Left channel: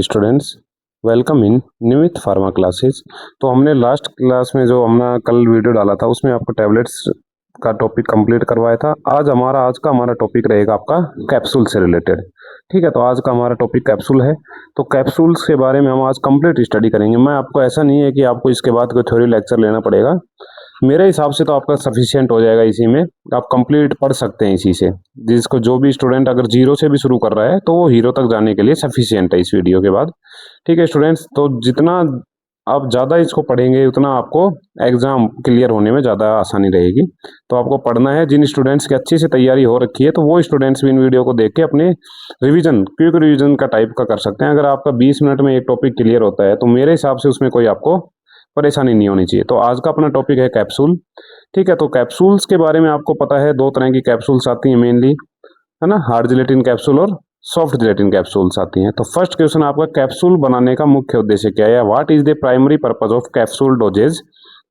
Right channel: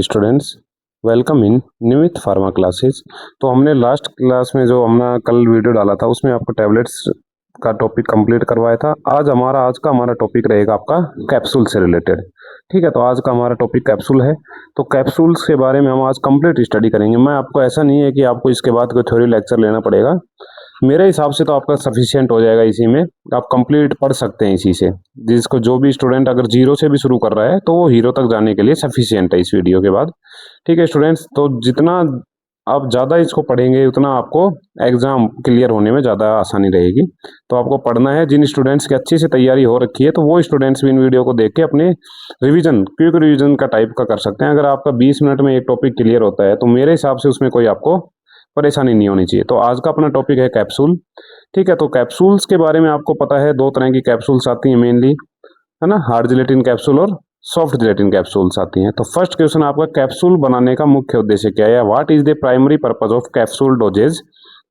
Students, welcome in Nimit pharma classes. तो हमने last class में जो हमने कल वीडियो डाला था उसमें आपको टैबलेट्स का टॉपिक कंप्लीट करवाया था। आज का हमारा टॉपिक रहेगा आपका कैप्सूल से रिलेटेड। ठीक है, तो आज का हमारा टॉपिक कैप्सूल है। तो कैप्सूल्स के बारे में हम आज कंप्लीट स्टडी करेंगे। मैं आपको ऐसा नहीं है कि आपको इसके बाद कोई थ्योरी लेक्चर लेना पड़ेगा। मेरे हिसाब से तो आपका सफिशिएंट हो जाएगा, इसी में आप कंप्लीट पढ़ सकते हैं इसी से। जिसको जो भी स्टूडेंट अगर जीरो से भी शुरू कर रहा है तो वो हीरो तक जाने के लिए सफिशिएंट है इस वीडियो के बाद। ठीक है स्टूडेंट्स, तो जितना आप ज़्यादा इसको पढ़ेंगे उतना आपको एग्जाम क्लियर होने में ज़्यादा आसानी रहेगी। तो आपको पढ़ना है। जिन स्टूडेंट्स की अच्छी से तैयारी हो रखी है तो वो स्टूडेंट्स भी इन वीडियो को देख के अपने क्विक रिवीजन का टाइप का कर सकते हैं। अगर आपका 20 मिनट में एक टॉपिक क्लियर होता है तो मेरे हिसाब से उसमें कोई आपको परेशानी नहीं होनी चाहिए। तो आज का अपना टॉपिक है कैप्सूल। ठीक है, तो कैप्सूल्स के बारे में आपको पता है, दो तरह की कैप्सूल्स आती हैं मेनली, है ना, हार्ड जिलेटिन कैप्सूल और सॉफ्ट जिलेटिन कैप्सूल्स आती हैं। तो फर्स्ट क्वेश्चन आपका, कैप्सूल बनाने का मुख्य उद्देश्य क्या है? What is the primary purpose of capsule dosage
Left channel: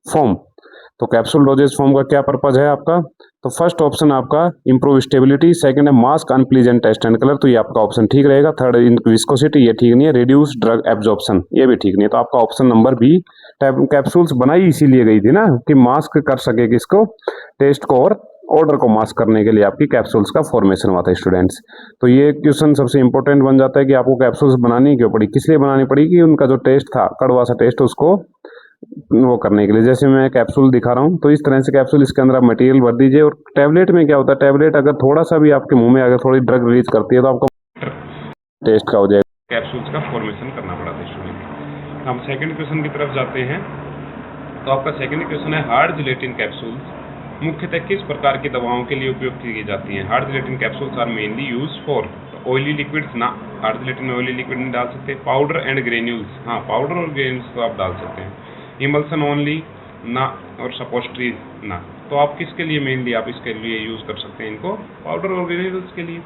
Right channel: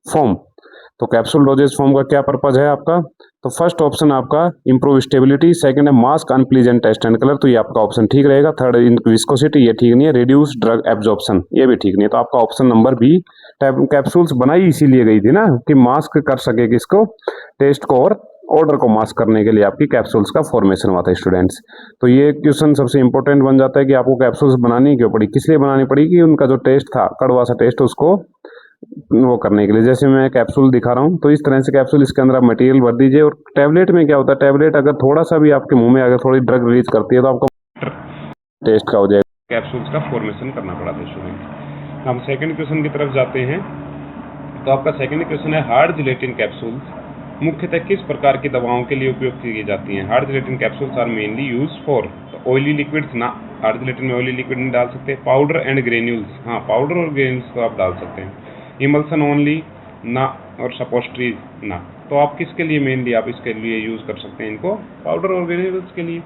form? तो कैप्सूल डोजेज फॉर्म का क्या पर्पज है आपका? तो फर्स्ट ऑप्शन आपका इंप्रूव स्टेबिलिटी, सेकंड है mask unpleasant taste and colour, तो ये आपका ऑप्शन ठीक रहेगा। थर्ड विस्कोसिटी, ये ठीक नहीं है। रिड्यूस ड्रग एब्जॉर्प्शन, ये भी ठीक नहीं है। तो आपका ऑप्शन नंबर बी। कैप्सूल्स बनाई इसीलिए गई थी ना कि मास्क कर सके किसको, टेस्ट को और ऑर्डर को मास्क करने के लिए आपकी कैप्सूल्स का फॉर्मेशन हुआ था स्टूडेंट्स। तो ये क्वेश्चन सबसे इंपॉर्टेंट बन जाता है कि आपको कैप्सूल्स बनानी क्यों पड़ी, किस लिए बनानी पड़ी, कि उनका जो टेस्ट था, कड़वा सा टेस्ट, उसको वो करने के लिए। जैसे मैं कैप्सूल दिखा रहा हूँ तो इस तरह से कैप्सूल, इसके अंदर आप मटेरियल भर दीजिए। और टैबलेट में क्या होता है, टैबलेट अगर थोड़ा सा भी आपके मुंह में अगर थोड़ी ड्रग रिलीज करती है तो आपका टेस्ट का हो जाएगा। कैप्सूल्स का फॉर्मेशन करना पड़ा था स्टूडेंट। हम सेकंड क्वेश्चन की तरफ जाते हैं। तो आपका सेकंड क्वेश्चन है, हार्ड जिलेटिन कैप्सूल्स मुख्यतः किस प्रकार की दवाओं के लिए उपयोग की जाती हैं? Hard gelatin capsules are mainly use for oily liquids ना, हार्ड जिलेटिन में ऑयली लिक्विड नहीं डाल सकते। पाउडर एंड ग्रेन्यूल्स, हाँ पाउडर और ग्रेन्यूल्स तो आप डाल सकते हैं। इमल्सन ओनली ना, और सपोस्ट्रीज ना। तो आप किसके लिए मेनली आप इसके लिए यूज कर सकते हैं इनको? पाउडर और ग्रेन्यूल्स के लिए।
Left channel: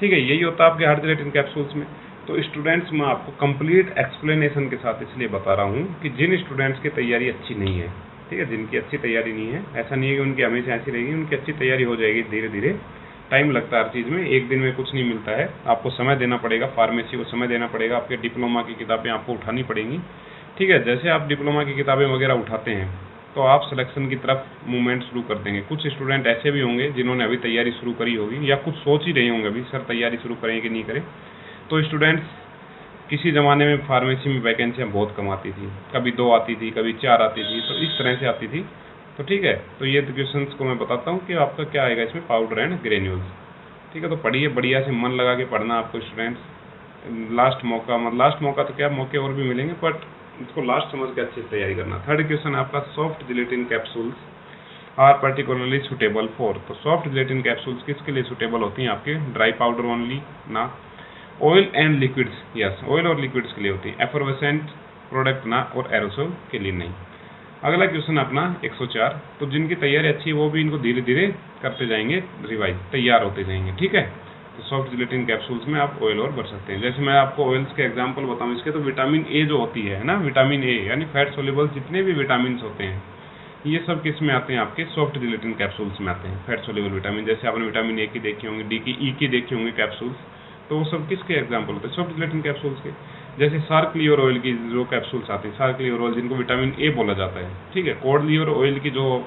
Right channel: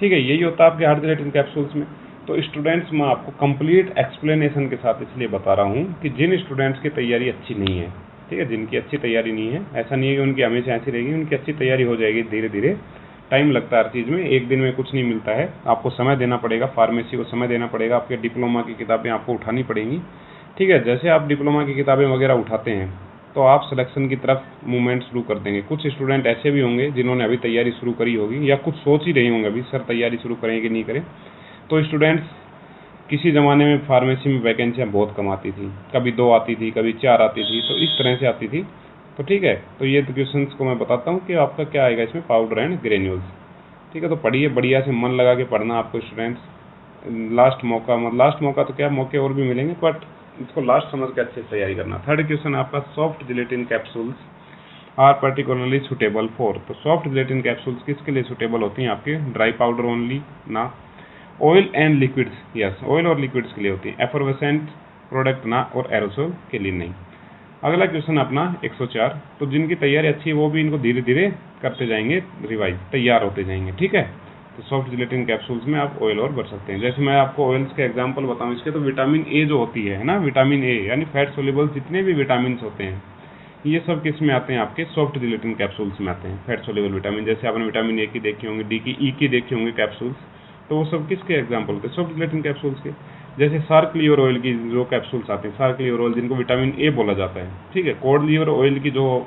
ठीक है, यही होता है आपके हार्ड जिलेटिन कैप्सूल्स में। तो स्टूडेंट्स, मैं आपको कंप्लीट एक्सप्लेनेशन के साथ इसलिए बता रहा हूँ कि जिन स्टूडेंट्स की तैयारी अच्छी नहीं है, ठीक है, जिनकी अच्छी तैयारी नहीं है, ऐसा नहीं है कि उनकी हमेशा ऐसी रहेगी, उनकी अच्छी तैयारी हो जाएगी धीरे धीरे। टाइम लगता है हर चीज़ में, एक दिन में कुछ नहीं मिलता है। आपको समय देना पड़ेगा, फार्मेसी को समय देना पड़ेगा, आपके डिप्लोमा की किताबें आपको उठानी पड़ेंगी। ठीक है, जैसे आप डिप्लोमा की किताबें वगैरह उठाते हैं तो आप सिलेक्शन की तरफ मूवमेंट शुरू कर देंगे। कुछ स्टूडेंट ऐसे भी होंगे जिन्होंने अभी तैयारी शुरू करी होगी या कुछ सोच ही रहे होंगे अभी सर तैयारी शुरू करें कि नहीं करें। तो स्टूडेंट्स, किसी ज़माने में फार्मेसी में वैकेंसियाँ बहुत कम आती थी, कभी 2 आती थी, कभी 4 आती थी, तो इस तरह से आती थी। तो ठीक है, तो ये क्वेश्चन को मैं बताता हूँ कि आपका क्या आएगा इसमें, पाउडर एंड ग्रेन्यूल्स। ठीक है, तो पढ़िए बढ़िया से, मन लगा के पढ़ना आपको स्टूडेंट्स। लास्ट मौका तो क्या, मौके और भी मिलेंगे, बट इसको लास्ट समझ के अच्छे से तैयारी करना। थर्ड क्वेश्चन आपका, soft gelatin capsules are particularly suitable for. तो सॉफ्ट जिलेटिन कैप्सूल्स किसके लिए सुटेबल होती हैं? आपके ड्राई पाउडर ओनली ना, oil and liquids, yes oil और लिक्विड्स के लिए होती है। एफरवेसेंट प्रोडक्ट ना, और एरोसोल के लिए नहीं। अगला क्वेश्चन अपना 104। तो जिनकी तैयारी अच्छी है वो भी इनको धीरे धीरे करते जाएंगे, रिवाइज, तैयार होते जाएंगे। ठीक है, तो सॉफ्ट जिलेटिन कैप्सूल्स में आप ऑयल और भर सकते हैं। जैसे मैं आपको ऑयल्स के एग्जांपल बताऊं इसके, तो विटामिन ए जो होती है ना, विटामिन ए यानी फैट सोल्यूबल जितने भी विटामिन होते हैं, ये सब किस में आते हैं? आपके सॉफ्ट जिलेटिन कैप्सूल्स में आते हैं। फैट सोल्यूबल विटामिन, जैसे आपने विटामिन ए की देखी होंगी, डी की, ई की देखी होंगी कैप्सूल्स, तो वो सब किसके एग्जाम्पल होते हैं? सॉफ्ट जिलेटिन कैप्सूल्स के। जैसे सार्क लिवर ऑयल की जो कैप्सूल्स आते हैं, सार्क लिवर ऑयल जिनको विटामिन ए बोला जाता है, ठीक है, कॉड लिवर ऑयल की जो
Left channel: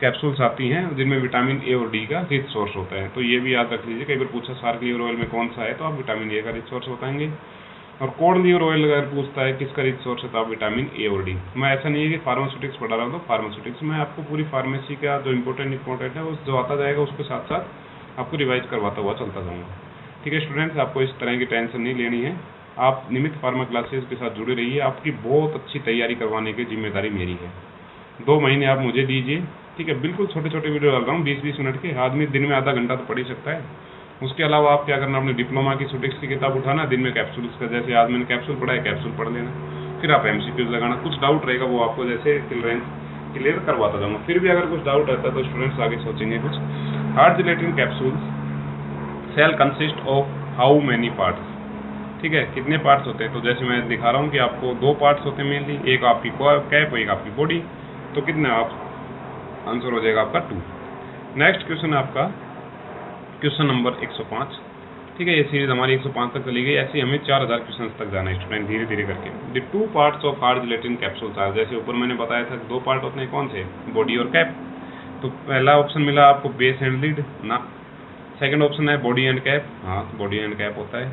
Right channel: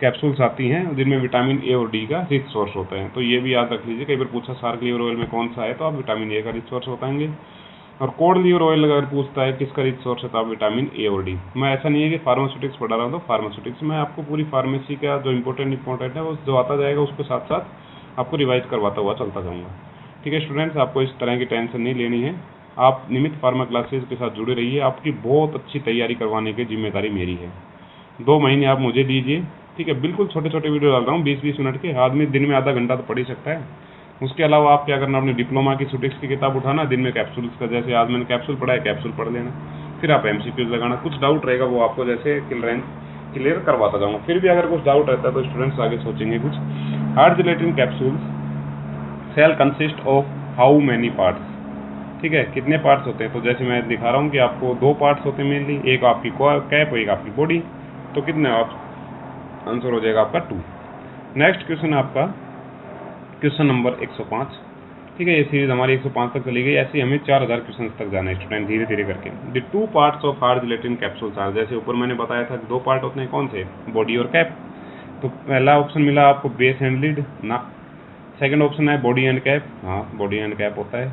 कैप्सूल्स आती हैं जिनमें विटामिन ए और डी का रिच सोर्स होता है। तो ये भी याद रख लीजिए, कई बार पूछा सार्क लिवर ऑयल में कौन सा है, तो आप विटामिन ए का रिच सोर्स बताएंगे। और कॉड लिवर ऑयल अगर पूछता है किसका रिच सोर्स है, तो आप विटामिन ए और डी। मैं ऐसा नहीं है कि फार्मास्यूटिक्स पढ़ा रहा हूँ, तो फार्मास्यूटिक्स में आपको पूरी फार्मेसी का जो इंपॉर्टेंट है वो जो आता जाएगा उसको साथ साथ आपको रिवाइज करवाता हुआ चलता जाऊँगा। ठीक है स्टूडेंट्स, आपको इस तरह की टेंशन नहीं लेनी है। आप नियमित फार्मा क्लासेस के साथ जुड़े रहिए, आपकी बहुत अच्छी तैयारी करवाने की जिम्मेदारी मेरी है। 2 महीने आप मुझे दीजिए, ठीक है, बिल्कुल छोटे छोटे वीडियो डाल रहा हूँ 20-20 मिनट के। आदमी दिन में आधा घंटा तो पढ़ ही सकता है। उसके अलावा आप क्या करना, अपने डिप्लोमा की सुटिक्स की किताब उठाना, दिन में कैप्सूल्स का, जैसे आज मैंने कैप्सूल पढ़ा है, कैप्सूल पढ़ लेना। फिर आप MCQs लगाना, कुछ डाउट रहेगा वो आपको जैसे क्लियर करवाता जाऊँगा। फिर भी अगर कुछ डाउट रहता है तो स्टूडेंट्स आगे सोचेंगे कुछ। Hard gelatin capsules shell consist of how many parts? ठीक है, कितने पार्ट्स होते हैं? तो जैसे मैं दिखा रहा हूँ कि आपको 2 पार्ट्स होते हैं मेनली, एक आपकी कैप और एक आपकी बॉडी। तो कितने आप, आंसर हो जाएगा आपका 2। नेक्स्ट क्वेश्चन आपका क्वेश्चन नंबर 105। ठीक है, ये सीरीज हमारी 105 तक चली गई। ऐसे हमें 4000 क्वेश्चन तक जाना है स्टूडेंट, धीरे धीरे करके। The 2 parts of hard gelatin capsules are, जैसे ऊपर मैंने बताया था 2 पार्ट होते हैं, कौन से, बॉडी और कैप। तो पहला ऑप्शन मिला आपको बेस एंड लिड ना, सेकंड ऑप्शन है बॉडी एंड कैप, हाँ बॉडी एंड कैप होता है।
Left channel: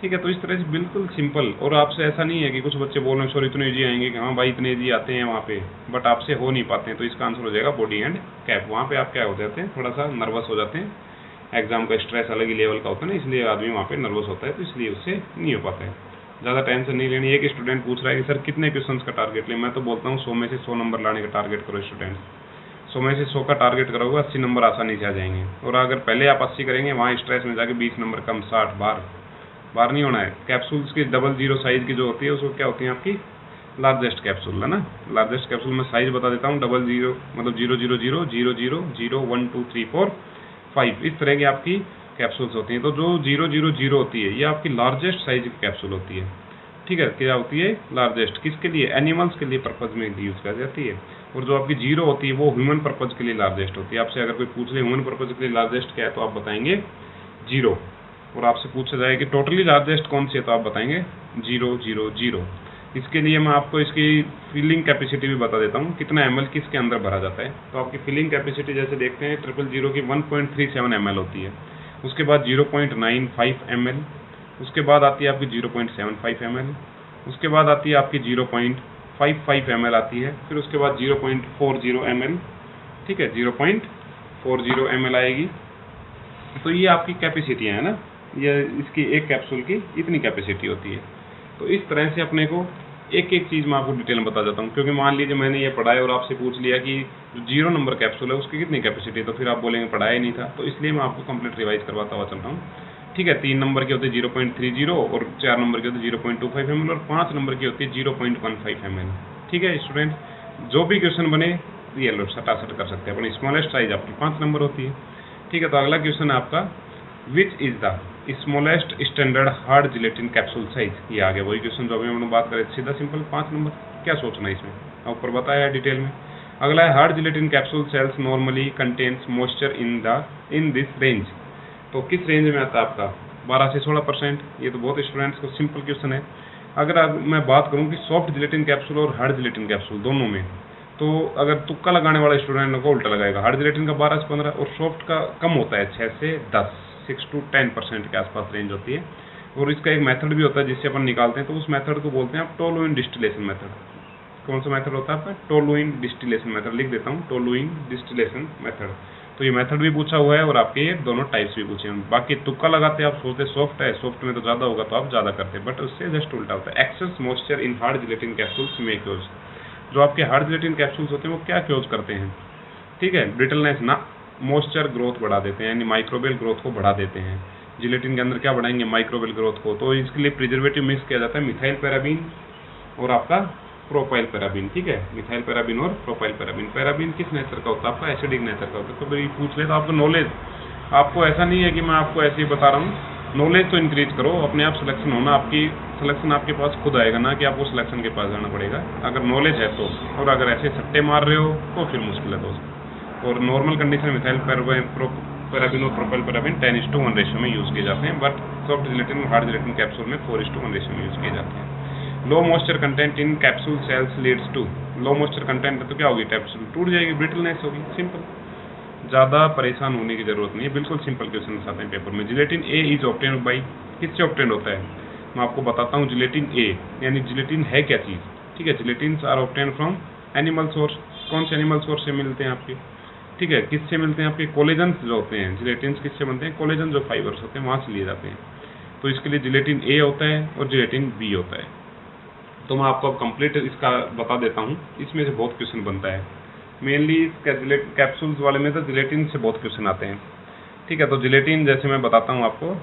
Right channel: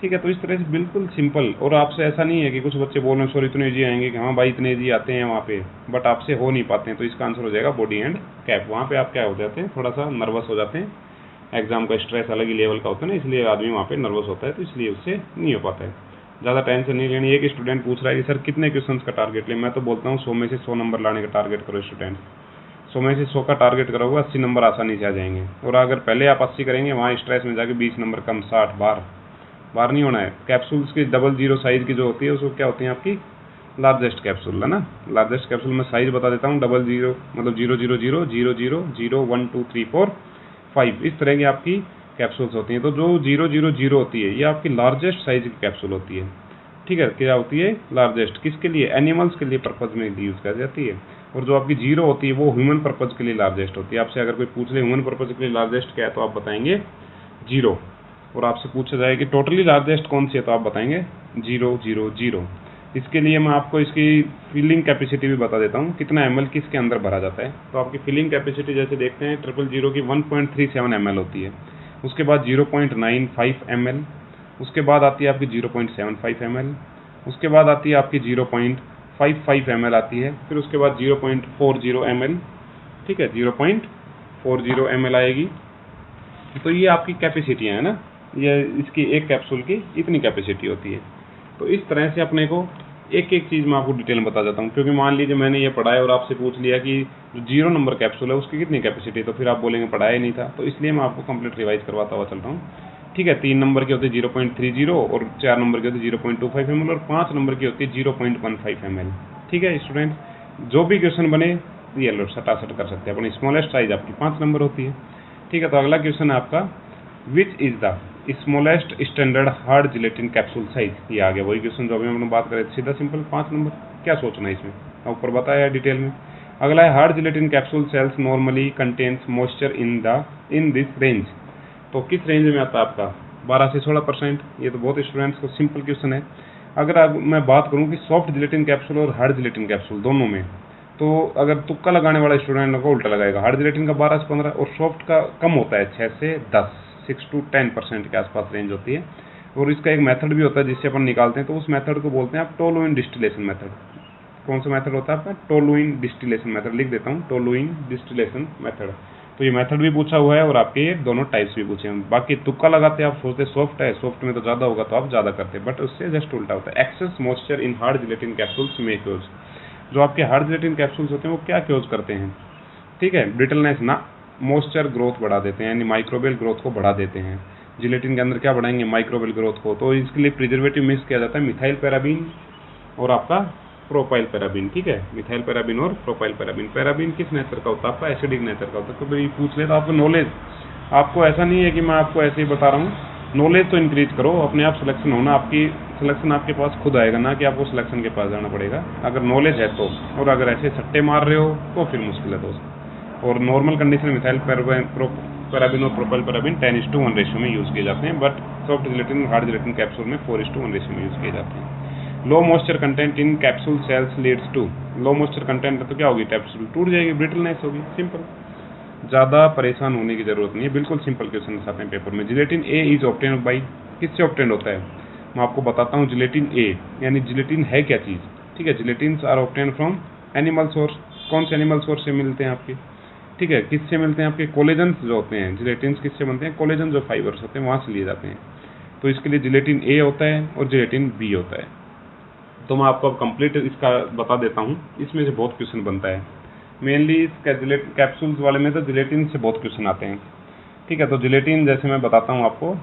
ठीक है, तो इस तरह से बिल्कुल सिंपल। और आपसे ऐसा नहीं है कि कुछ बच्चे बोल रहे हैं सर इतने ईजी आएंगे कि हाँ भाई इतने ईजी आते हैं वहाँ पे, बट आपसे हो नहीं पाते हैं, तो इसका आंसर हो जाएगा बॉडी एंड कैप। वहाँ पे आप क्या हो जाते हैं, थोड़ा सा नर्वस हो जाते हैं, एग्जाम का स्ट्रेस अलग ही लेवल का होता है ना, इसलिए आदमी वहाँ पे नर्वस होता है, तो इसलिए उससे नहीं हो पाता है। ज़्यादा टेंशन नहीं लेनी। एक स्टूडेंट पूछ रहा है कि सर कितने क्वेश्चन का टारगेट लिया, मैं तो बोलता हूँ 100 में से 100 नंबर लाने का टारगेट करो स्टूडेंट। 100 में से 100 का टारगेट करोगे 80 नंबर आसानी से आ जाएंगे। और अगर पहले आप 80 करेंगे, वहाँ स्ट्रेस में जाके 20 नंबर कम, 60 बार नहीं होना है। कैप्सूल्स की 00 साइज़ की जो होती है उसको क्या होती है आपकी, लार्जेस्ट कैप्सूल है ना। लार्जेस्ट कैप्सूल में साइज़ बता देता हूँ, 00 मतलब 0000001 2 3 4 5, इस तरह की आपकी कैप्सूल्स होती हैं। तो जो 000 होती है ये आपकी लार्जेस्ट साइज की कैप्सूल होती है। ठीक है, क्या होती है, लार्जेस्ट। किसके लिए, एनिमल्स के लिए पर्पज़ में यूज़ की जाती है। और जो आपकी 0 होती है वो ह्यूमन पर्पज़ के लिए लार्जेस्ट होती है। आपसे अगर कोई पूछ ले ह्यूमन पर्पज़ के लिए लार्जेस्ट क्या है, तो आप बताएंगे 0। और आपसे पूछा जाए कि टोटली लार्जेस्ट कौन सी है, तो आप बताएंगे 000। इसके लिए मैं आपको इसकी फिलिंग कैपेसिटी भी बता देता हूँ, कितना ml किसके अंदर भरा जाता है। तो आपकी फिलिंग कैपेसिटी जैसे देखते हैं 000 की 1.37 ml होती है, उसके बाद 0.95 ml, उसके बाद आती है आपकी 0.75 ml, उसके बाद आती है आपकी 0.55 ml आती है, फिर उसके बाद 0.40 ml, ठीक है 0.40 ml आएगी। तो ये आपकी कैपेसिटियाँ हैं ना, ये इसकी एक कैप्सूल की इतनी कैपेसिटी होती है। तो इस तरह से अपने को एक एक चीज़ मैं आपको डिटेल में बता देता हूँ, क्योंकि मान लीजिए मैंने ये पढ़ाया और आपसे पूछ लिया कि जो 0 नंबर कैप्सूल है उसकी कितनी कैपेसिटी है, तो फिर आप बोलेंगे पढ़ाया ही नहीं था। तो इसलिए मैं आपको कंप्लीट रिवाइज करवाता हुआ चल रहा हूँ। ठीक है, 3 नंबर की होती है 0.30 और 4 नंबर की होती है 0.25 ml और 5 नंबर की होती है 0.15 ml। ठीक है स्टूडेंट, जो भी क्वेश्चन बने ये लो सटासट कर सकते हैं। अपनी स्मॉलेस्ट साइज आपकी 5 नंबर होती है। ठीक है, तो अगला क्वेश्चन है आपका, which is the smallest standard hard gelatin capsule size. ये आ गया वही क्वेश्चन जो अभी हमने बात करें, सीधा सिंपल 5 नंबर। क्या सोचना है इसमें, ऊपर बताया है डिटेल में। अगला है, hard gelatin capsule shells normally contains moisture in this range. तो किस रेंज में आता है आपका, 12 से 16%। ये तो बहुत स्टूडेंट्स को सिंपल क्वेश्चन है। अगर मैं बात करूँ कि सॉफ्ट जिलेटिन कैप्सूल और हार्ड जिलेटिन कैप्सूल दोनों में, तो अगर तुक्का लगाने वाला स्टूडेंट को उल्टा लगाएगा। हार्ड जिलेटिन का 12 से 15 और सॉफ्ट का कम होता है 6 से 10, 6 to 10% के आसपास रेंज होती है। और इसका एक मेथड भी होता है जिससे अपन निकालते हैं, तो उस मेथड को बोलते हैं आप टोलुइन डिस्टिलेशन मेथड। कौन सा मेथड होता है आपका, टोलुइन डिस्टिलेशन मेथड। लिख देता हूँ, टोलुइन डिस्टिलेशन मेथड। तो ये मेथड भी पूछा हुआ है और आपके ये दोनों टाइप्स भी पूछे हैं। बाकी तुक्का लगाते हैं, आप सोचते सॉफ्ट है, सॉफ्ट में तो ज़्यादा होगा तो आप ज़्यादा करते हैं, बट उससे जस्ट उल्टा होता है। Excess moisture in hard gelatin capsules में क्योज, जो आपके हार्ड जिलेटिन कैप्सूल्स होते हैं वो क्या क्योज करते हैं, ठीक है, ब्रिटलनेस ना, मॉइस्चर ग्रोथ बढ़ा देते हैं, यानी माइक्रोबियल ग्रोथ को बढ़ा देते हैं। जिलेटिन के अंदर क्या बढ़ाएंगे, माइक्रोबियल ग्रोथ को। तो इसके लिए प्रिजर्वेटिव मिक्स किया जाता है मिथाइल पैराबीन और आपका प्रोपाइल पैराबीन। ठीक है, मिथाइल पैराबीन और प्रोपाइल पैराबीन। पैराबीन किस नेचर का होता है आपका, एसिडिक नेचर का होता है। तो भाई पूछ ले तो आपको नॉलेज, आपको ऐसा नहीं है कि मैं आपको ऐसे ही बता रहा हूँ, नॉलेज तो इंक्रीज करो, अपने आप सिलेक्शन होना, आपकी सिलेक्शन आपके पास खुद आएगा ना कि आपको सिलेक्शन के पास जाना पड़ेगा, अगर नॉलेज है तो। और अगर ऐसे सट्टे मार रहे हो तो फिर मुश्किल है दोस्त। और नॉर्मल कंडीशन में मिथाइल पैराबीन और प्रोपाइल पैराबीन 10:1 रेशियो में यूज़ किए जाते हैं, बट सॉफ्ट जिलेटिन और हार्ड जिलेटिन कैप्सूल में 4:1 रेशियो में यूज़ किए जाते हैं। Low moisture content in capsule shells leads to, low moisture content है तो क्या होगी, कैप्सूल टूट जाएगी, ब्रिटलनेस होगी। सिंपल, ज़्यादा परेशान होने की जरूरत नहीं है, बिल्कुल सिंपल क्वेश्चन आते हैं पेपर में। Gelatin A is obtained by, किससे ऑब्टेन्ड होता है, मैं आपको बताता हूँ। जिलेटिन ए यानी जिलेटिन है क्या चीज़, ठीक है। Gelatins are obtained from animal source. कौन से एनिमल सोर्स से मिलते हैं आपके, ठीक है, किससे मिलते हैं आपके, कोलेजन्स जो होते हैं। जिलेटिन्स किससे बनते हैं, कोलेजन जो फाइबर्स होते हैं वहाँ से लिए जाते हैं। तो इसके लिए जिलेटिन ए होता है और जिलेटिन बी होता है। तो मैं आपको अब कंप्लीट इसका बता देता हूँ। इसमें से बहुत क्वेश्चन बनता है, मेनली कैप्सूल्स वाले में तो जिलेटिन से बहुत क्वेश्चन आते हैं, ठीक है। तो जिलेटिन जैसे मैं बताता हूँ आपको,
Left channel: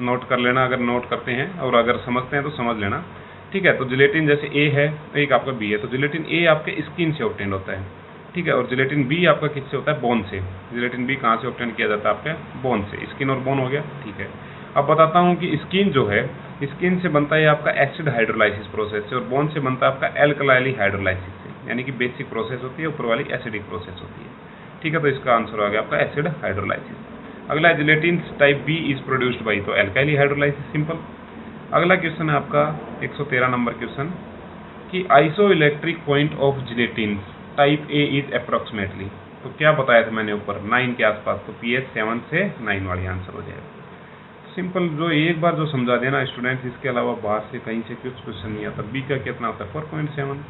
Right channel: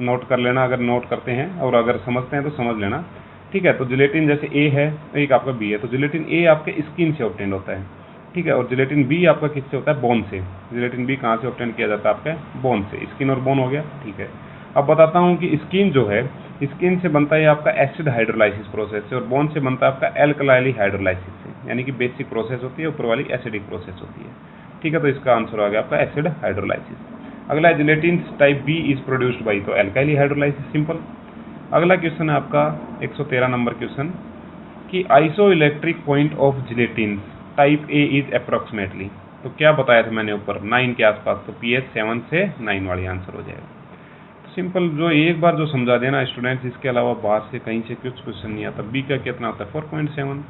नोट कर लेना अगर नोट करते हैं, और अगर समझते हैं तो समझ लेना, ठीक है। तो जिलेटिन जैसे ए है, एक आपका बी है। तो जिलेटिन ए आपके स्किन से ऑब्टेन होता है, ठीक है। और जिलेटिन बी आपका किससे होता है, बोन से। जिलेटिन बी कहाँ से ऑब्टेन किया जाता है आपका, बोन से। स्किन और बोन हो गया, ठीक है। अब बताता हूँ कि स्किन जो है, स्किन से बनता है आपका एसिड हाइड्रोलाइसिस प्रोसेस से, और बोन से बनता है आपका एल्कलाइली हाइड्रोलाइसिस से, यानी कि बेसिक प्रोसेस होती है, ऊपर वाली एसिडिक प्रोसेस होती है, ठीक है। तो इसका आंसर आ गया आपका एसिड हाइड्रोलाइसिस। अगला gelatin type B is produced by, तो एल्काइल हाइड्रोलाइसिस, सिंपल। अगला क्वेश्चन है आपका 113 नंबर क्वेश्चन कि isoelectric point of gelatin type A is approximately, तो क्या बताया था मैंने ऊपर 9 के आसपास, तो pH 7 से 9 वाली आंसर हो जाएगा। सिंपल, जो एक बार जो समझा देना स्टूडेंट्स, इसके अलावा बाहर से कहीं से कुछ क्वेश्चन नहीं आता। बी का कितना होता है 4.7,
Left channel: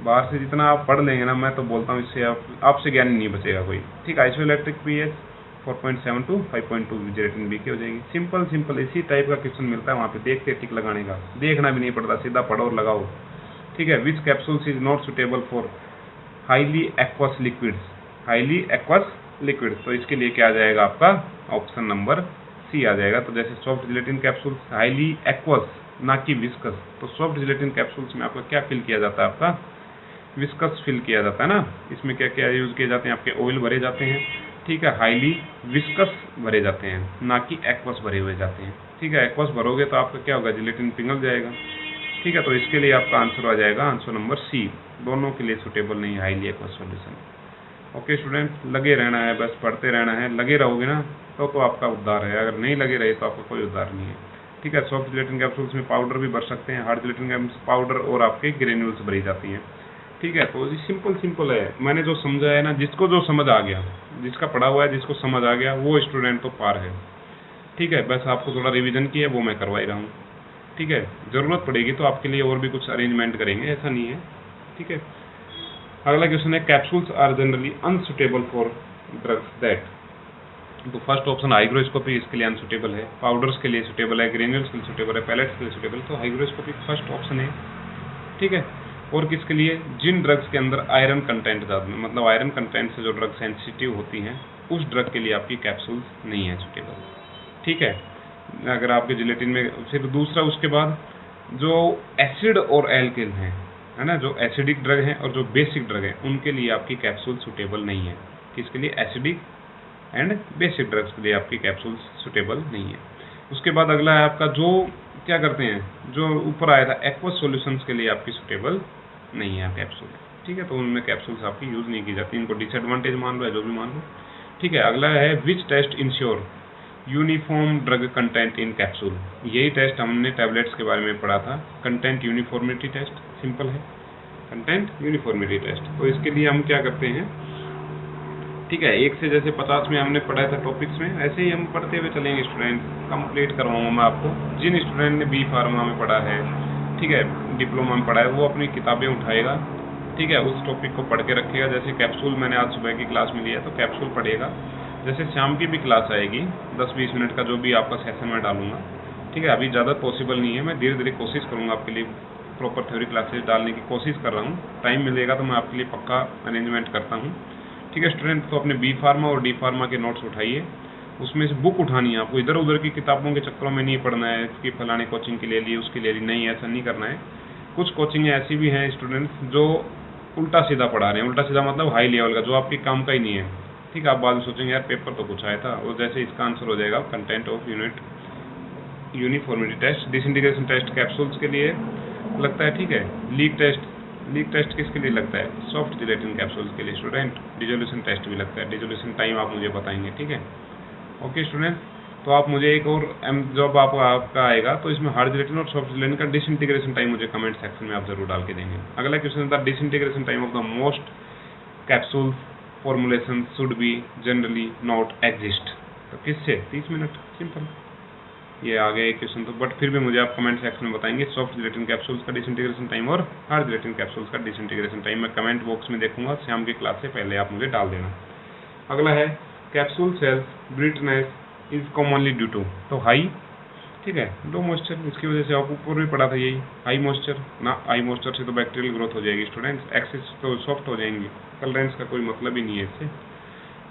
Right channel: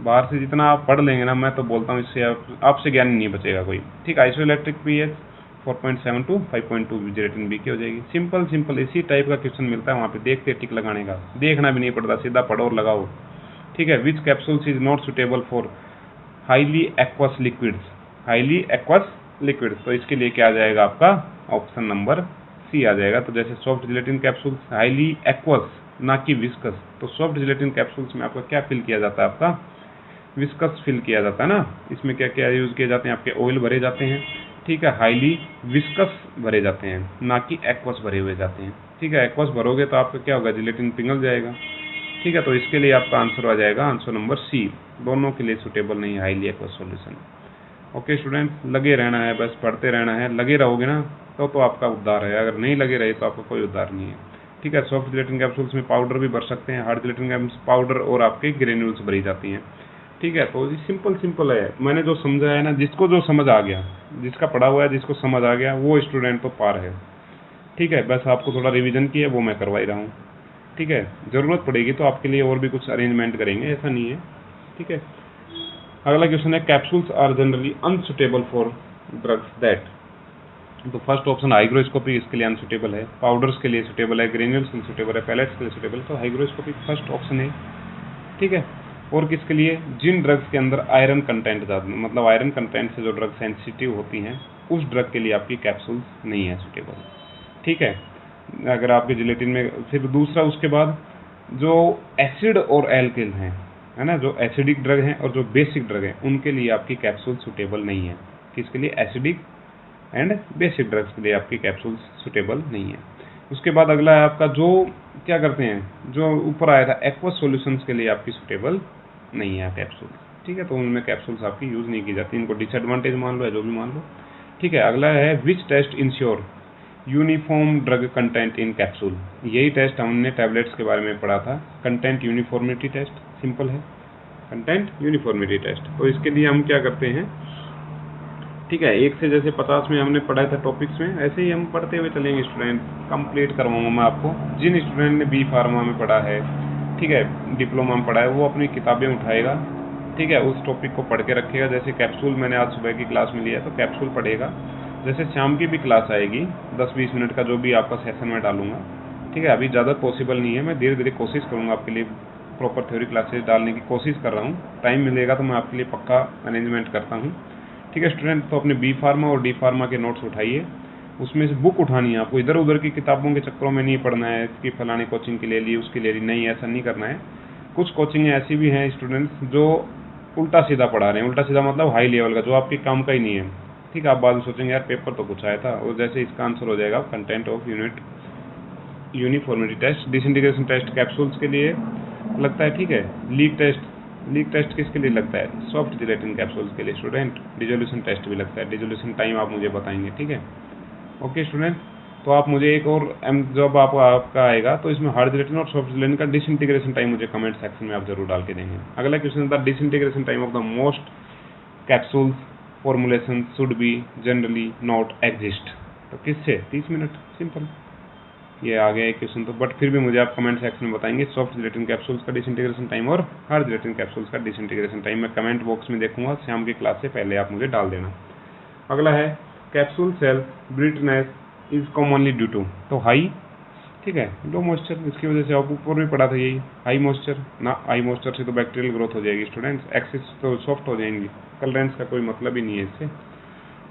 बाहर से जितना आप पढ़ लेंगे ना, मैं तो बोलता हूँ इससे आपसे ज्ञान नहीं बचेगा कोई। ठीक, isoelectric pH 4.7 to 5.2 gelatin B की हो जाएगी। सिंपल सिंपल इसी टाइप का क्वेश्चन मिलता है वहाँ पे, देख के टिक लगाने का, देखना भी नहीं पड़ता, सीधा पढ़ो और लगाओ। ठीक है, which capsules is not suitable for highly aqueous liquids, highly aqueous liquids, तो इसके लिए क्या आ जाएगा आपका ऑप्शन नंबर सी आ जाएगा। तो जैसे soft gelatin capsules highly aqueous, ना कि विस्कस, तो सॉफ्ट जिलेटिन कैप्सूल्स में आपका क्या फिल किया जाता है, आपका विस्कस फिल किया जाता है ना। इसमें क्या क्या यूज़ किए जाते हैं, आपके ऑयल भरे जाते हैं। ठीक है, हाईली विस्कस भरे जाते हैं, ना कि एक्वस भरे हुए जाते हैं। ठीक है, एक्वस भरोगे तो आपका क्या होगा, जिलेटिन पिघल जाएगा। ठीक है, तो इसके लिए आपका आंसर आ जाएगा आंसर नंबर सी, दोनों के लिए सुटेबल नहीं है highly aqueous solution. Okay student, लगे रहना है, बस पढ़ते रहना है, लगे रहोगे ना तो आपका उद्धार है, अगर नहीं लगे रहे तो आपका कोई उद्धार नहीं है। ठीक है, सॉफ्ट जिलेटिन कैप्सूल्स में पाउडर भी भर सकते हैं, हार्ड जिलेटिन कैप्सूल्स पाउडर और आपके ग्रेन्यूल्स भरी जाती हैं। ठीक है, तो सिंपल सिंपल है, मैंने जो समझा है ना, जिसको जो समझ आ गया, जिसका पढ़ा हुआ है जिसको समझ आ गया वो स्टूडेंट तो पार है। ठीक है, बस आपको थोड़ा रिवीजन की है वो मैं करवाई रहा हूँ। ठीक है, ज़रूरत पड़ेगी तो आपके लिए और भी कुछ अरेंजमेंट करेंगे, ऐसा नहीं है। ठीक है, अगला क्वेश्चन है capsules are generally unsuitable for drugs that, तो फर्स्ट ऑप्शन हाइग्रोस्कोपी इसके लिए अनसुटेबल है, पाउडर्स के लिए सुटेबल है, ग्रेन्यूल्स के लिए सुटेबल है, पैलेट्स के लिए सुटेबल, तो हाइग्रोस्कोपी फर्स्ट ऑप्शन है। ठीक है, और किसके लिए, जिन ड्रग्स के अंदर आयरन कंटेंट ज़्यादा, मतलब आयरन कंटेंट से जो ड्रग सेंसिटिव होती हैं उस ड्रग के लिए आपकी कैप्सूल नहीं है सुटेबल। ठीक है, अगर आपके जिलेटिन में फिर दूसरा, उसके बाद जो एसिड और एल्किल हैं, है ना, जो एसिडिक ड्रग हैं और जो बेसिक ड्रग हैं उनके लिए आपकी कैप्सूल सुटेबल नहीं है। किसके लिए, एसिडिक एंड बेसिक ड्रग्स के लिए आपकी कैप्सूल सुटेबल नहीं है। उसके बाद अगला है आपका जो क्या करते हैं, जो ऊपर आया था एक्वस सॉल्यूशंस के लिए आपकी सुटेबल नहीं है कैप्सूल। ठीक है, तो उनमें कैप्सूल्स आपकी यूज़ नहीं की जाती, इनको डिसएडवांटेज मान लो या जो भी मान लो। ठीक है, अगला है which test ensure uniform drug content in capsule, यही टेस्ट हमने टैबलेट्स के बारे में पढ़ा था, कंटेंट यूनिफॉर्मिटी टेस्ट, सिंपल है, कंटेंट यूनिफॉर्मिटी टेस्ट। तो इसके लिए हम क्या करते हैं, ठीक है, 1 से जैसे 50 में हमने पढ़ा था टॉपिक्स में, ऐसे ही हम पढ़ते हुए चलेंगे स्टूडेंट, कंप्लीट करवाऊंगा मैं आपको। जिन स्टूडेंट ने बी फार्मा में पढ़ा है, ठीक है, डिप्लोमा में पढ़ा है, वो अपनी किताबें उठाएगा, ठीक है, उस टॉपिक को पढ़ के रखेगा। जैसे कैप्सूल मैंने आज सुबह की क्लास में लिया तो कैप्सूल पढ़ेगा, जैसे शाम की भी क्लास आएगी 10-20 मिनट का जो भी आपका सेशन में डालूंगा। ठीक है, अभी ज़्यादा पॉसिबल नहीं है, मैं धीरे धीरे कोशिश करूँगा आपके लिए प्रॉपर थ्योरी क्लासेस डालने की कोशिश कर रहा हूँ, टाइम मिलेगा तो मैं आपके लिए पक्का अरेंजमेंट करता हूँ। ठीक है स्टूडेंट, तो अपने बी फार्मा और डी फार्मा के नोट्स उठाइए, उसमें से बुक उठानी है आपको, इधर उधर की किताबों के चक्करों में नहीं पढ़ना है कि फलाने कोचिंग के ले ली उसके ले ली, नहीं, ऐसा नहीं करना है। कुछ कोचिंग ऐसी भी हैं स्टूडेंट्स जो उल्टा सीधा पढ़ा रहे हैं, उल्टा सीधा मतलब हाई लेवल का, जो आपके काम का ही नहीं है। ठीक है, आप बाद में सोचेंगे यार पेपर तो कुछ आया था, और जैसे इसका आंसर हो जाएगा content of unit uniformity test, disintegration test capsules के लिए लगता है। ठीक है, लीक टेस्ट किसके लिए लगता है, सॉफ्ट जिलेटिन कैप्सूल्स के लिए स्टूडेंट। डिसोल्यूशन टेस्ट भी लगता है, डिसोल्यूशन टाइम आप मुझे बताएंगे। ठीक है, ओके स्टूडेंट, तो आप मुझे एक और जब आपका आएगा तो इसमें हार्ड जिलेटिन और सॉफ्ट जिलेटिन का डिसइंटीग्रेशन टाइम मुझे कमेंट सेक्शन में आप जरूर डाल के देंगे। अगला क्वेश्चन था disintegration time of the most capsules formulation should be generally not exist, तो किससे, 30 मिनट, सिंपल, ये आ गया एक क्वेश्चन। तो बट फिर भी मुझे आप कमेंट सेक्शन में बताएंगे सॉफ्ट जिलेटिन कैप्सूल्स का डिसइंटीग्रेशन टाइम और हार्ड जिलेटिन कैप्सूल्स का डिसइंटीग्रेशन टाइम, मैं कमेंट बॉक्स में देखूंगा, शाम की क्लास से पहले आप मुझे डाल देना। अगला है capsule shells brittleness is commonly due to, तो हाई, ठीक है, लो मॉइस्चर, इसकी वजह से आप ऊपर भी पढ़ा था यही, हाई मॉइस्चर ना, हाई मॉइस्चर से तो बैक्टीरियल ग्रोथ हो जाएगी स्टूडेंट्स, एक्सेस तो सॉफ्ट हो जाएंगी, कलरेंस का कोई मतलब ही नहीं है इससे।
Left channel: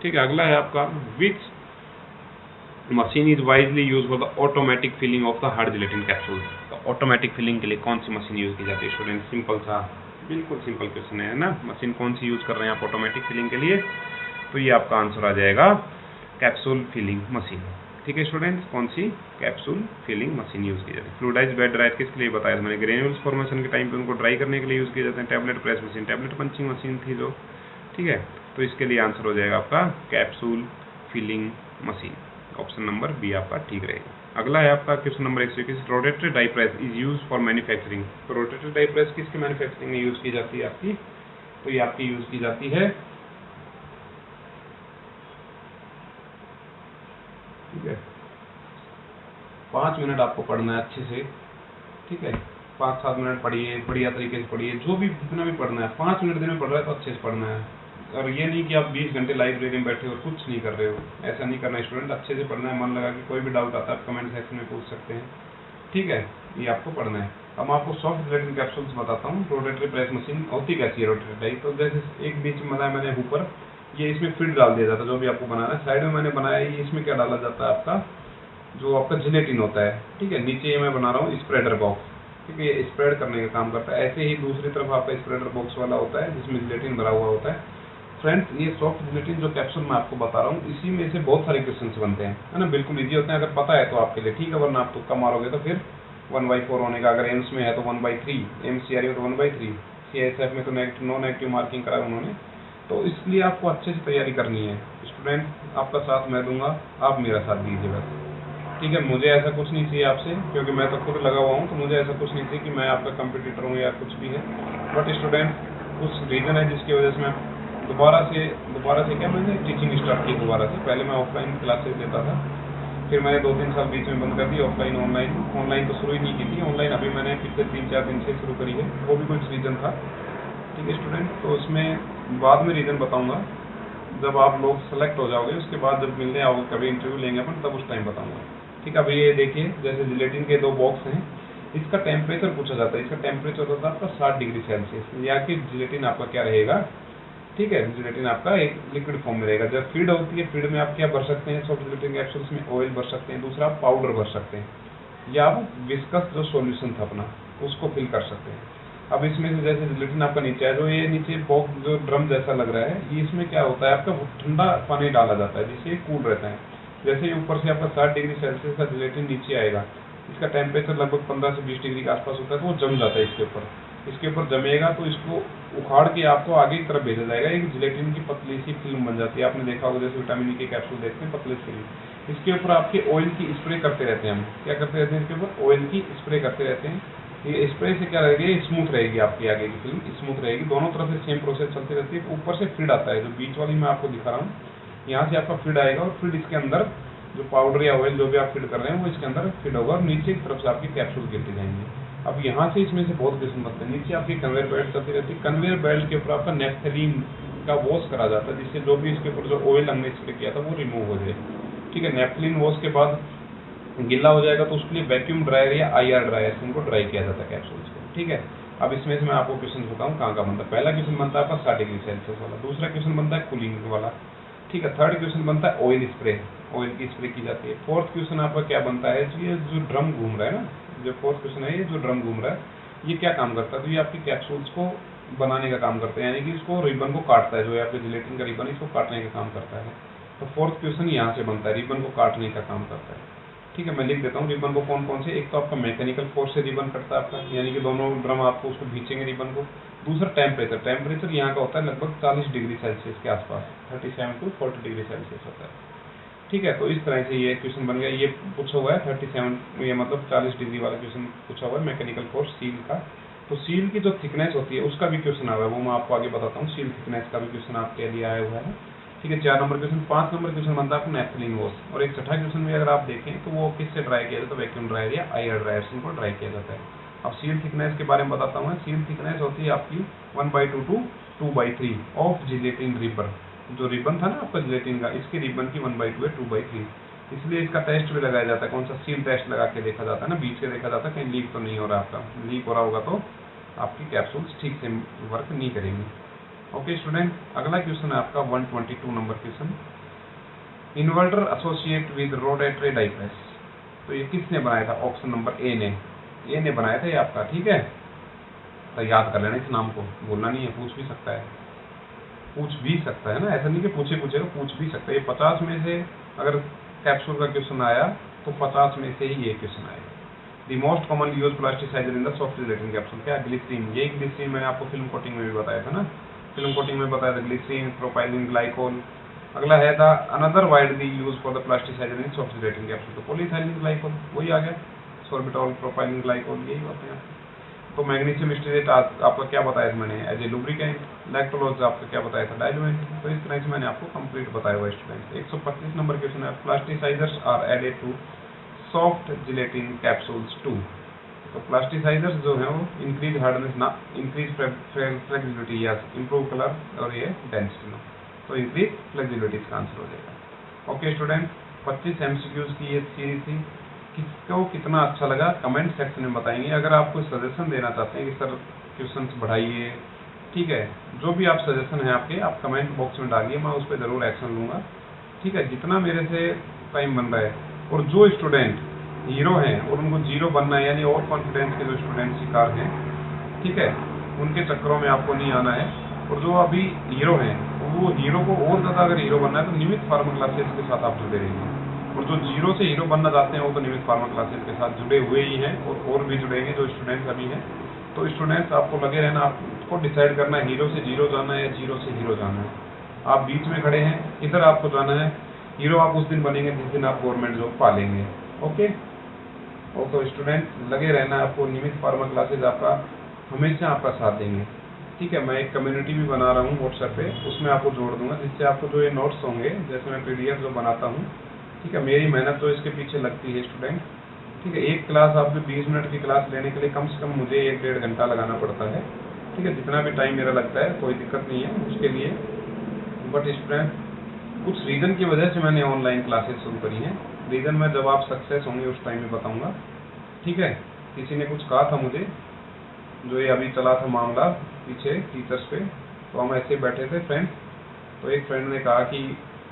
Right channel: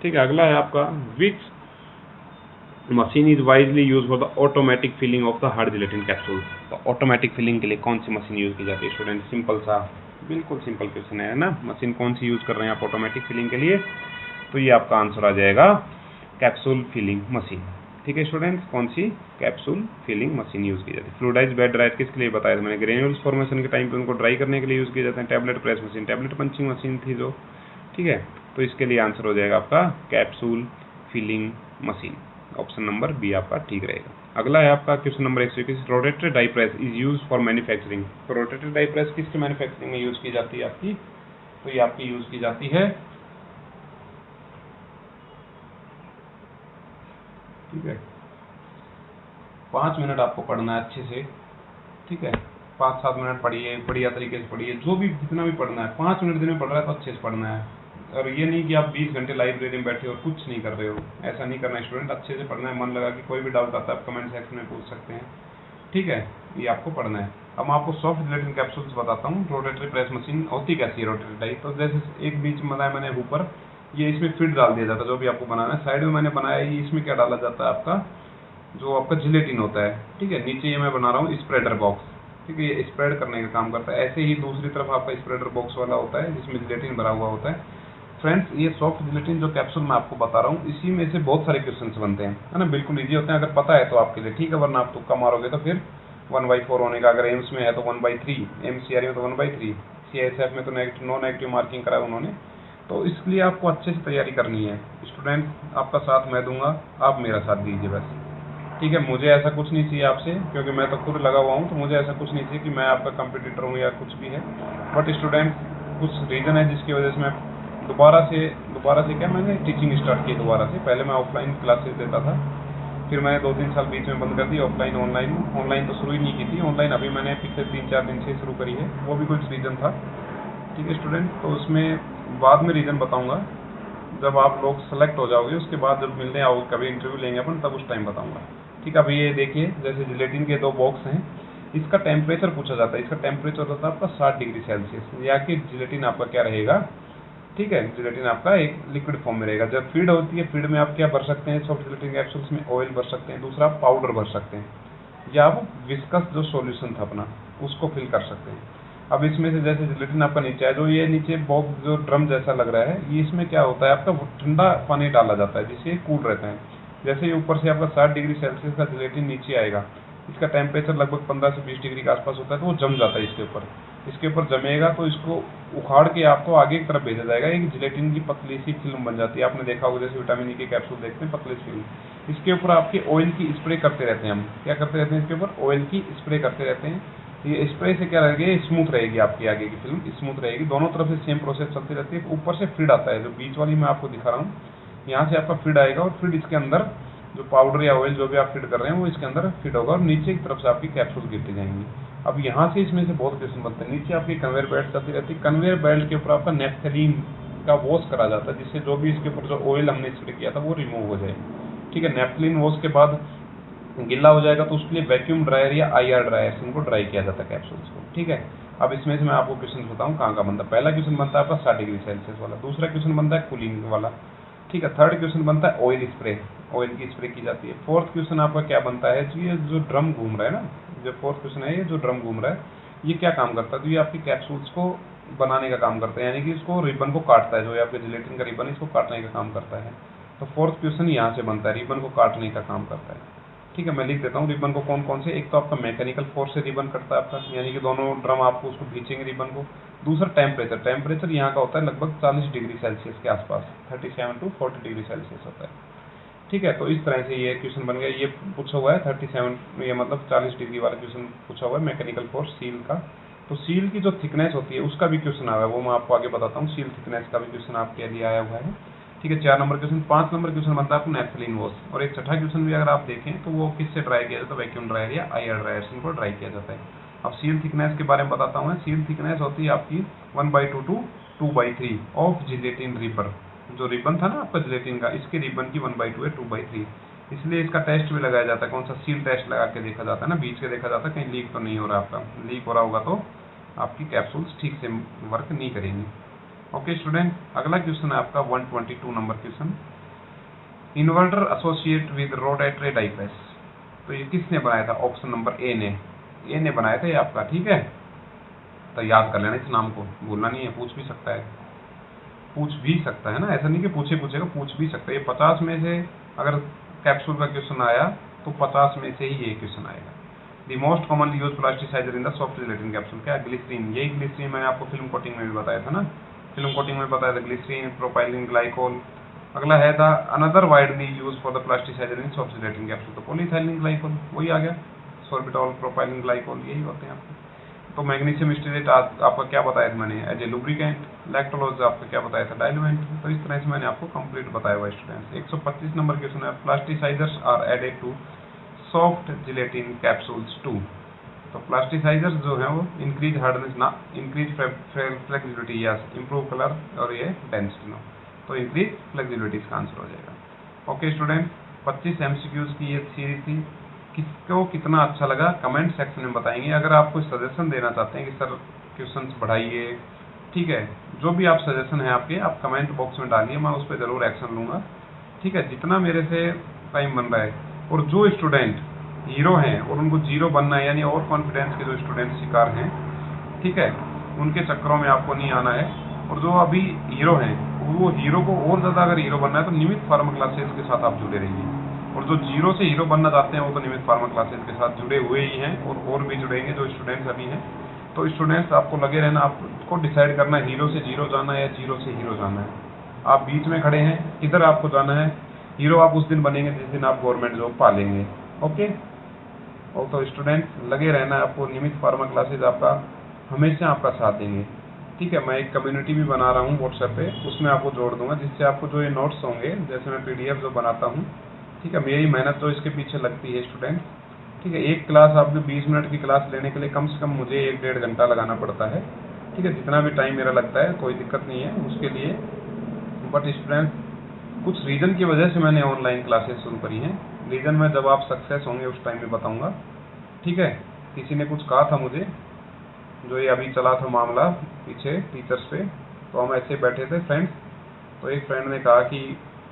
ठीक है, अगला है आपका which machine is widely use for the automatic filling of the hard gelatin capsule, तो ऑटोमेटिक फिलिंग के लिए कौन सी मशीन यूज की जाती है स्टूडेंट, सिंपल सा, बिल्कुल सिंपल क्वेश्चन है ना, मशीन कौन सी यूज कर रहे हैं आप ऑटोमेटिक फिलिंग के लिए, तो ये आपका आंसर आ जाएगा कैप्सूल फिलिंग मशीन। ठीक है स्टूडेंट्स, कौन सी, कैप्सूल फिलिंग मशीन यूज की जाती है। फ्लूइडाइज बेड ड्रायर किसके लिए बताया था मैंने, ग्रेन्यूल्स फॉर्मेशन के टाइम पे उनको ड्राई करने के लिए यूज किए जाते हैं। Tablet press machine, tablet punching machine थी जो, ठीक है, तो इसके लिए आंसर हो जाएगा आपका capsule filling machine. Option number B आपका ठीक रहेगा। अगला है आपका question number 121, rotatory die press is use for manufacturing. तो रोटेटरी डाई प्रेस किसकी मैन्युफैक्चरिंग में यूज़ की जाती है आपकी? तो ये आपकी यूज़ की जाती है, ठीक है, 5 मिनट आपको पढ़ना है अच्छे से, ठीक है, 5-7 मिनट पढ़िए, बढ़िया तरीके से पढ़िए, जो भी जितना भी पढ़ना है 5 मिनट दिन में पढ़ रहा है तो अच्छे से पढ़ना है। और ये नहीं कि आप 20 घंटे लाइब्रेरी में बैठे हो कुछ नहीं कर रहे हो, ऐसा नहीं करना। स्टूडेंट अच्छे से पढ़ना है, मन लगा कि कोई भी डाउट आता है आप कमेंट सेक्शन में पूछ सकते हैं, ठीक है, ये आपको पढ़ना है। अब मैं आपको सॉफ्ट जिलेटिन कैप्सूल्स बताता हूँ। रोटेटरी प्रेस मशीन होती कैसी है रोटेटरी टाइप, तो जैसे एक बीच में बनाया मैंने ऊपर, ये इसमें फीड डाल दिया जाता है जो भी आपको बनाना है। साइड में मैंने बनाया ये, इसमें क्या डाला जाता है आपका, जो आपका जिलेटिन होता है, ठीक है। नीचे ये मैं बना रहा हूँ स्प्रेडर बॉक्स, ठीक है, ये स्प्रेड करने का काम करता है। ऐसे ही दूसरी तरफ आपका स्प्रेडर बॉक्स वाला होता है जिसमें जिलेटिन भरा हुआ होता है। फ्रेंड्स, ये सॉफ्ट जिलेटिन जो कैप्सूल मैं आपको बता रहा हूँ, इसी में से बहुत सारे क्वेश्चन बनते हैं, है ना, बिल्कुल ईजी होते हैं। अगर पता है तो आपके लिए ठीक है, वरना आप तुक्का मारोगे तो फिर 1/4 होने का। अगर एम्स में है तो 1/3, एमसीआर में तो 1/3, सीआईएसएफ में तो नो नेगेटिव मार्किंग करा उन्होंने। तो इसलिए आपको अच्छे से तैयारी करनी है। स्टूडेंट, आपका साथ मैं दूंगा, आप मेरा साथ दीजिए बस, ठीक है। मुझे ऐसा कुछ नहीं चाहिए आपसे, क्योंकि मैं तो खुद लगा हुआ हूँ, तो मुझे ऐसा कुछ नहीं चाहिए कि मैं आपका कंपटीटर हूँ या कुछ भी है। बट स्टूडेंट, कुछ रीज़न है जिसकी वजह से मैं दोबारा से क्या, मैंने टीचिंग स्टार्ट की दोबारा से। पहले मैं ऑफलाइन क्लासेस देता था, फिर मैंने 2-3 साल बीच में बंद कर दी ऑफलाइन। ऑनलाइन तो शुरू ही नहीं की थी, ऑनलाइन अभी मैंने पिछले 3-4 दिन से शुरू करी है। वो भी कुछ रीज़न था, ठीक है स्टूडेंट, तो उसमें बाद में रीज़न बताऊँगा जब आप लोग सेलेक्ट हो जाओगे। उसके बाद जब मिलने आओगे, कभी इंटरव्यू लेंगे अपन, तब उस टाइम बताऊँगा, ठीक है। अभी ये देखिए, जैसे जिलेटिन के 2 बॉक्स हैं, इसका टेम्परेचर पूछा जाता है। इसका टेम्परेचर होता है आपका 60 डिग्री सेल्सियस, या कि जिलेटिन आपका क्या रहेगा, ठीक है, जिलेटिन आपका एक लिक्विड फॉर्म में रहेगा। जब फीड होती है, फीड में आप क्या भर सकते हैं, सॉफ्ट जिलेटिन कैप्सूल्स में ऑयल भर सकते हैं, दूसरा आप पाउडर भर सकते हैं, या आप विस्कस जो सॉल्यूशन था अपना उसको फिल कर सकते हैं। अब इसमें से जैसे जिलेटिन आपका नीचे है, जो ये नीचे बॉक्स जो ड्रम जैसा लग रहा है, ये इसमें क्या होता है आपका ठंडा पानी डाला जाता है जिससे कूल रहता है। जैसे ही ऊपर से आपका 60 डिग्री सेल्सियस का जिलेटिन नीचे आएगा, इसका टेम्परेचर लगभग 15 से 20 डिग्री के आसपास होता है, तो वो जम जाता है इसके ऊपर जमेगा, तो इसको उखाड़ के आपको आगे की तरफ भेजा जाएगा। एक जिलेटिन की पतली सी फिल्म बन जाती है, आपने देखा होगा जैसे विटामिन ई के कैप्सूल देखते हैं, पतली फिल्म। इसके ऊपर आपके ऑयल की स्प्रे करते रहते हैं हम, क्या करते रहते हैं, इसके ऊपर ऑयल की स्प्रे करते रहते हैं। ये स्प्रे से क्या रहेगी, स्मूथ रहेगी आपकी आगे की फिल्म, स्मूथ रहेगी। दोनों तरफ से सेम प्रोसेस चलती रहती है। ऊपर से फीड आता है, जो बीच वाली मैं आपको दिखा रहा हूँ, यहाँ से आपका फीड आएगा, और फीड इसके अंदर जो पाउडर या ऑयल जो भी आप फीड कर रहे हैं वो इसके अंदर फीड होगा, और नीचे की तरफ से आपकी कैप्सूल गिरते जाएंगे। अब यहाँ से इसमें से बहुत क्वेश्चन बनते हैं। नीचे आपकी कन्वेयर बेल्ट चलती रहती है, कन्वेयर बेल्ट के ऊपर आपका नेफ्थलीन का वॉश करा जाता है, जिससे जो भी इसके ऊपर जो ऑयल हमने स्प्रे किया था वो रिमूव हो जाए, ठीक है। नेफ्थलीन वॉश के बाद गीला हो जाएगा, तो उसके लिए वैक्यूम ड्रायर या IR ड्रायर से उनको ड्राई किया जाता है कैप्सूल्स को, ठीक है। अब इसमें से मैं आपको क्वेश्चन बताऊँ कहाँ का बनता है। पहला क्वेश्चन बनता है आपका 60 डिग्री सेल्सियस वाला, दूसरा क्वेश्चन बनता है कूलिंग वाला, ठीक है। थर्ड क्वेश्चन बनता है ऑयल स्प्रे, ऑयल की स्प्रे की जाती है। फोर्थ क्वेश्चन आपका क्या बनता है, तो ये जो ड्रम घूम रहा है ना, जो फोर्थ क्वेश्चन है, ये जो ड्रम घूम रहा है ये क्या काम करता है, तो ये आपकी कैप्सूल्स को बनाने का काम करता है, यानी कि इसको रिबन को काटता है, जो आपके जिलेटिन का रिबन इसको काटने का काम करता है। तो फोर्थ क्वेश्चन यहाँ से बनता है, रिबन को काटने का काम करता है, ठीक है। मैं लिख देता हूँ रिबन को कौन कौन से, एक तो आपका मैकेनिकल फोर्स से रिबन कटता है आपका, यानी कि दोनों ड्रम आपको उसको खींचेंगे रिबन को। दूसरा टेम्परेचर यहाँ का होता है लगभग 40 डिग्री सेल्सियस के आसपास, 37 to 40 डिग्री सेल्सियस होता है, ठीक है। तो इस तरह से ये क्वेश्चन बन गया। ये पूछा हुआ है 37, ये मतलब 40 डिग्री वाला क्वेश्चन पूछा हुआ है, मैकेनिकल फोर्स सील का। तो सील की जो थिकनेस होती है उसका भी क्वेश्चन आ रहा है, वो मैं आपको आगे बताता हूँ। सील थिकनेस का भी क्वेश्चन आपके लिए आया हुआ है, ठीक है। 4 नंबर क्वेश्चन। 5 नंबर क्वेश्चन बनता है आपको नेफ्थलीन वॉश, और एक छठा क्वेश्चन भी अगर आप देखें तो वो किससे ड्राई किया जाता है, वैक्यूम ड्रायर या IR ड्रायर से उनको ड्राई किया जाता है। अब सील थिकनेस के बारे में बताता हूँ मैं। सील थिकनेस होती है आपकी 1/2 to 2/3 ऑफ जिलेटिन रिबन। जो रिबन था ना आपका जिलेटिन का, इसके रिबन की 1/2 है 2/3, इसलिए इसका टेस्ट भी लगाया जाता है। कौन सा, सील टेस्ट लगा के देखा जाता है ना, बीच के देखा जाता है कहीं लीक तो नहीं हो रहा आपका। लीक हो रहा होगा तो आपकी कैप्सूल्स ठीक से वर्क नहीं करेंगी। ओके स्टूडेंट, अगला क्वेश्चन है आपका 122 number question, inventor associate with rotatory die press. तो ये किसने बनाया था, ऑप्शन नंबर ए ने बनाया था ये आपका, ठीक है। तो याद कर लेना इस नाम को, बोलना नहीं है, पूछ भी सकता है ना, ऐसा नहीं कि पूछेगा, पूछ भी सकता है। ये 50 में से अगर कैप्सूल का क्वेश्चन आया तो 50 में से ही ये क्वेश्चन आएगा। The most commonly use plasticizer in the soft gelatin capsule, क्या, ग्लिसरीन। यही ग्लिसरीन मैंने आपको फिल्म कोटिंग में भी बताया था ना, फिल्म कोटिंग में बताया था, ग्लिसरीन, प्रोपाइलिन ग्लाइकोल, अगला है the another widely use for the plasticizer in software capsule, तो पॉलीथाइलिन ग्लाइकोल वही आ गया, सॉर्बिटॉल प्रोपाइलिन ग्लाइकोल यही होते हैं। तो मैग्नीशियम स्टीरेट आपका क्या बताया था मैंने, एज ए लुब्रिकेंट। लैक्टोलोज आपका क्या बताया था, डाइल्यूएंट। तो इस तरह से मैंने आपको कंप्लीट बताया हुआ स्टूडेंट। 125 नंबर क्वेश्चन है, plasticizers are added to soft gelatin capsules to. तो प्लास्टिसाइजर्स जो है वो इंक्रीज हार्डनेस ना, इंक्रीज फ्लेक्सिबिलिटी या इंप्रूव कलर और ये डेंसिटी ना, तो इंक्रीज फ्लेक्सिबिलिटी इसका आंसर हो जाएगा। ओके स्टूडेंट, 25 एमसीक्यूज की ये सीरीज थी। किसको कितना अच्छा लगा कमेंट सेक्शन में बताएंगे। अगर आप कोई सजेशन देना चाहते हैं कि सर क्वेश्चंस बढ़ाइए, ठीक है, जो भी आप सजेशन है आपके, आप कमेंट बॉक्स में डालिए, मैं उस पर जरूर एक्शन लूंगा। ठीक है, जितना मेरे से टाइम बन रहा है। और जो स्टूडेंट हीरो हैं और उनको जीरो बनना है, यानी ओवर कॉन्फिडेंस के जो स्टूडेंट शिकार हैं, ठीक है, उनके चक्करों में आपको नहीं आना है। और जो अभी हीरो हैं, वो हीरो को और ज़्यादा अगर हीरो बनना है तो नियमित फार्मा क्लासेस के साथ आप जुड़े रहिए। और जो जीरो से हीरो बनना चाहते हैं वो तो नियमित फार्मा क्लासेस के साथ जुड़े हुए ही हैं और भी जुड़ेंगे जो स्टूडेंट्स अभी हैं। तो स्टूडेंट्स आपको लगे रहना, आपको डिसाइड करना है हीरो से जीरो जाना है या जीरो से हीरो जाना है। आप बीच में खड़े हैं, किधर आपको जाना है। हीरो आप उस दिन बनेंगे जिस दिन आप गवर्नमेंट जॉब पालेंगे। ओके, और तो स्टूडेंट लगे रहना है, आपको नियमित फार्मा क्लासेज आपका हमेशा आपका साथ देंगे। ठीक है, मैं एक कम्युनिटी भी बना रहा हूँ व्हाट्सएप पे, उसमें आपको जोड़ दूंगा, जिससे आपको जो ये नोट्स होंगे, जैसे मैं पीडीएफ जो बनाता हूँ, ठीक है, मेरी मेहनत तो इसके पीछे लगती है स्टूडेंट। ठीक है, एक क्लास आप जो 20 मिनट की क्लास लेने के लिए कम से कम मुझे 1-1.5 घंटा लगाना पड़ता है। ठीक है, जितना भी टाइम मेरा लगता है कोई दिक्कत नहीं है उसके लिए। बट स्टूडेंट कुछ रीज़न की वजह से मैंने ऑनलाइन क्लासेस शुरू करी हैं। रीज़न मैं जब आप सक्सेस होंगे उस टाइम में बताऊंगा। ठीक है, किसी ने कुछ कहा था मुझे, जो ये अभी चला था मामला पीछे टीचर्स पे, तो हम ऐसे बैठे थे फ्रेंड, तो एक फ्रेंड ने कहा कि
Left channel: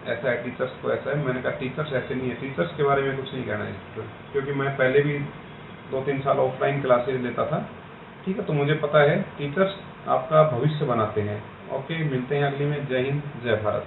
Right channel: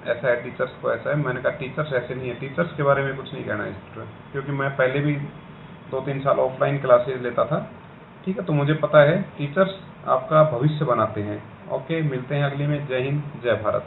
ऐसा है टीचर्स तो ऐसा है। मैंने कहा टीचर्स ऐसे नहीं है, टीचर्स के बारे में कुछ नहीं कहना है, क्योंकि मैं पहले भी 2-3 साल ऑफलाइन क्लासेज लेता था। ठीक है, तो मुझे पता है टीचर्स आपका भविष्य बनाते हैं। ओके, मिलते हैं अगली में। जय हिंद, जय भारत।